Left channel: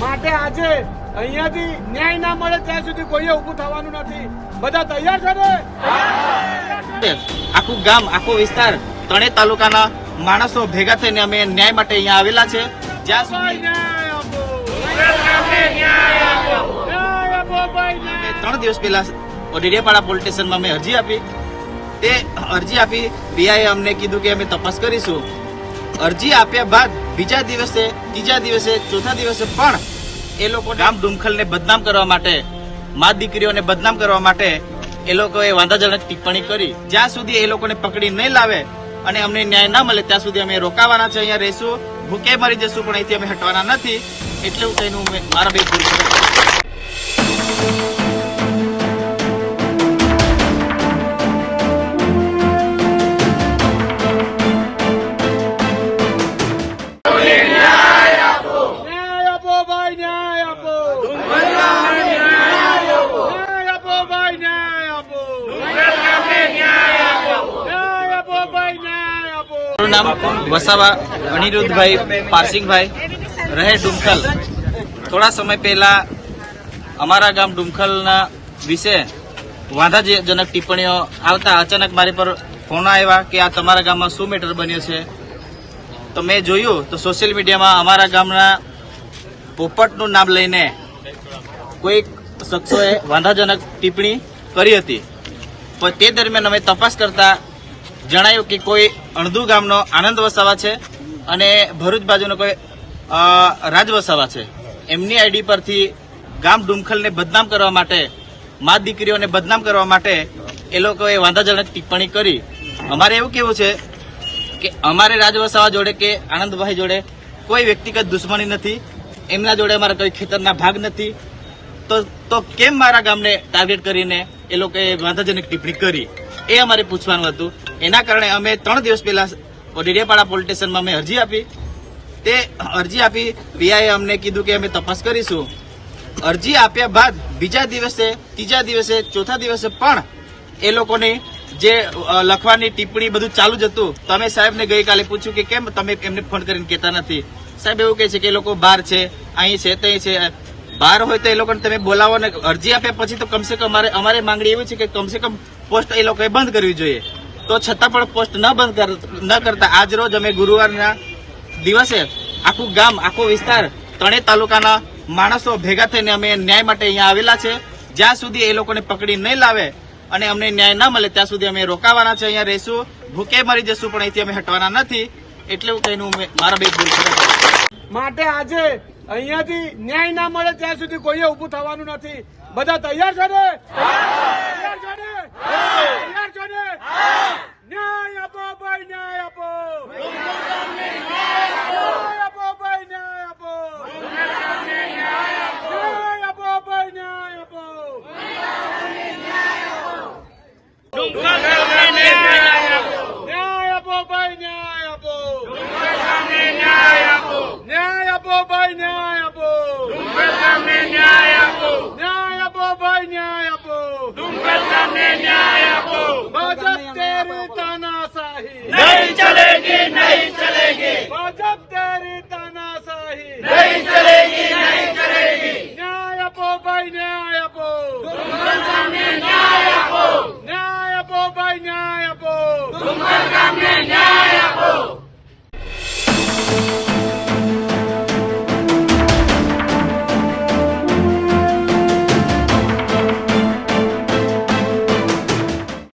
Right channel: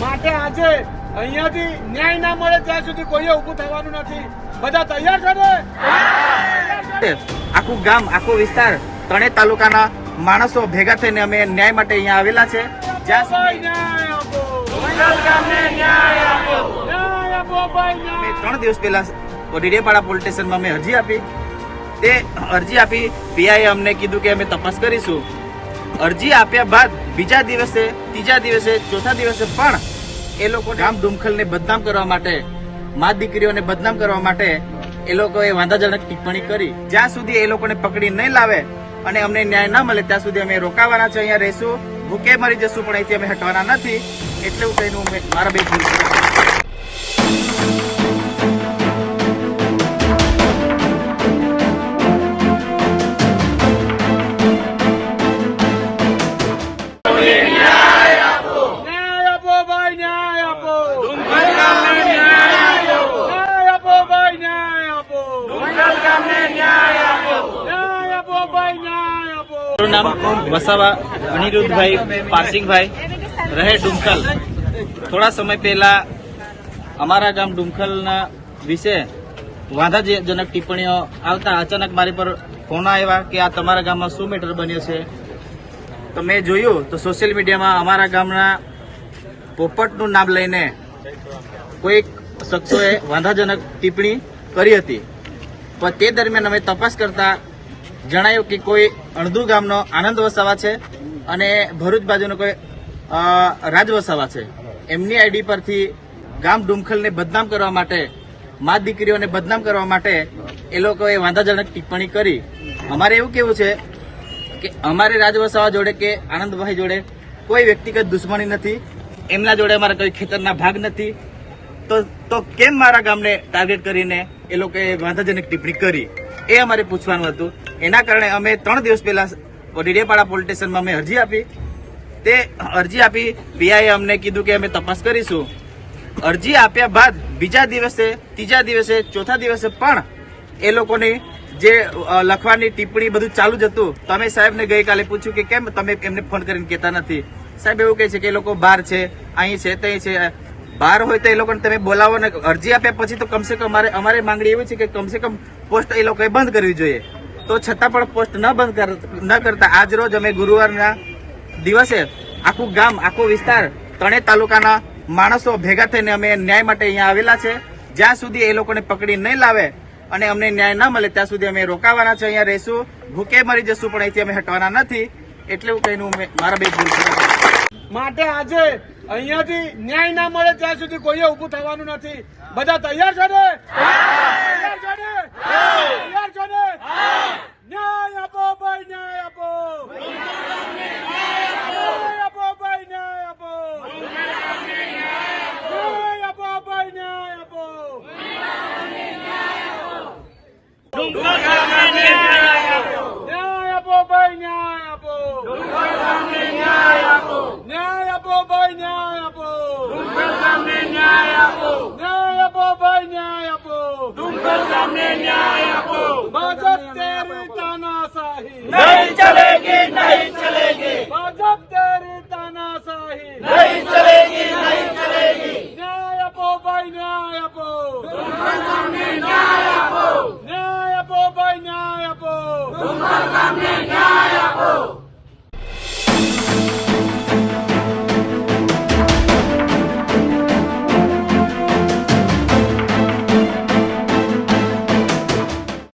માટે આજે અહીંયાથી ન્યાય ના મળે ત્યાં સુધી કોઈએ ઊભું થવાનું નથી. બધા તૈયાર છો ને? આખું ગામ, આખો વિસ્તાર, ત્રણેય તાલુકાના માણસો ભેગા થઈને અમે ન્યાય માટે અહીંયા આવેલા છે. જ્યાં સુધી અમે 3 દિવસ પહેલા ડેડિયાપાડા પોલીસ સ્ટેશનમાં અમે અરજી આપી. તે અરજી આપી પીઆઈએ અમને કીધું કે અમે તપાસ કરીશું. અરજી આપ્યા બાદ બીજા દિવસે, ત્રીજા દિવસે, ચોથા દિવસે પણ એ લોકો ગામ ડુમખલને બદનામ કરવા માટે, મા દીકરીઓને બદનામ કરવા માટે એ લોકોએ વાંધાજનક ટિપ્પણી કરી. જ્યાં સુધી એ લોકોને પકડી નહીં લાવે અને અમને ન્યાય ન મળે ત્યાં સુધી અમે રોકાવાના છે. અહીંયા રહીશું, ભૂખે મરી જશું, પણ અહીંથી અમે હટવાના નથી. એટલું કહીને હું મારા બે મારું નામ વસાવા અનિરુદ્ધભાઈ પારસિંગભાઈ, રહે ડુમખલ. થોડા સમય પહેલા અમારા ગામ ડુમખલના વિશે વાંધાજનક ટિપ્પણીઓ આવતા અચાનક મારી પર ફોન આવ્યા કે આ તમારા ગામમાં શું મેટર બન્યો છે. તો મેં જોયું તો સોશિયલ મીડિયામાં અમારા ગામના પોપટનું નામ લઈને કોઈક શખ્સોએ વાંધાજનક ટિપ્પણી કરી હતી. પણ તે દરમિયાન અમે તપાસ કરતા જણાયું કે કોઈ અણધુ ગામનો આનંદ વસાવા છે અને ભરૂચ બાજુનો કોઈ રાજ વસાવા છે. એમની આઈડી પરથી ગામ ડુમખલને બદનામ કરવા માટે, મા દીકરીઓને બદનામ કરવા માટે એ લોકોએ વાંધાજનક ટિપ્પણી કરી. અમારે એવું કેવું છે કે અમારે રાજ વસાવા જોડે કે આનંદભાઈ જોડે કોઈ વ્યક્તિગત દુશ્મની નથી. એમના જોડે અમારા કોઈ ખેતરના ભાગ નથી. તો કેમ મારા ગામને ટાર્ગેટ કરીને એ લોકોએ વાંધાજનક ટિપ્પણી કરી, એ અમારે પૂછવાનું હતું. એના કારણે અમે 3 દિવસ પહેલા ડેડિયાપાડા પોલીસ સ્ટેશનમાં અમે અરજી આપી. તે અરજી આપી પીઆઈએ અમને કીધું કે અમે તપાસ કરીશું. અરજી આપ્યા બાદ બીજા દિવસે, ત્રીજા દિવસે, ચોથા દિવસે પણ એ લોકોની જે લખવાની ટિપ્પણી બધું ચાલુ જ હતું. તમે સાહેબને ગઈકાલે પૂછ્યું કે કેમ તમે એમને ફોન કરીને કહેતા નથી. સાહેબ એવું કહે છે કે એ લોકો બહાર છે, અહીં છે, ત્યાં છે. બહાર હોય તો એ લોકોને તમે બોલાવો ને. અરજી આપ્યા પછી તો કમસે કમ અમારી માંગણી એવી છે કે કમસે કમ પોસ્ટ એ લોકોએ બંધ કરવી જોઈએ. તો છતાં પણ પોસ્ટ ન કરતા આજ રોજ અમે ગુરુવારના દિવસે આખું ગામ, આખો વિસ્તાર, ત્રણેય તાલુકાના માણસો ભેગા થઈને અમે ન્યાય માટે અહીંયા આવેલા છે. જ્યાં સુધી એ લોકોને પકડી નહીં લાવે અને અમને ન્યાય ન મળે ત્યાં સુધી અમે રોકાવાના છે. અહીંયા રહીશું, ભૂખે મરી જશું, પણ અહીંથી અમે હટવાના નથી. એટલું કહીને હું મારા બે માટે આજે અહીંયાથી ન્યાય ના મળે ત્યાં સુધી કોઈએ ઊભું થવાનું નથી. બધા તૈયાર છો ને? તૈયાર છો ને? તૈયાર છો ને? ન્યાય આપો ભાઈ, ન્યાય આપો. ન્યાય આપો ભાઈ, ન્યાય આપો. ન્યાય આપો ભાઈ, ન્યાય આપો. ન્યાય આપો ભાઈ, ન્યાય આપો. ન્યાય આપો ભાઈ, ન્યાય આપો. ન્યાય આપો ભાઈ, ન્યાય આપો.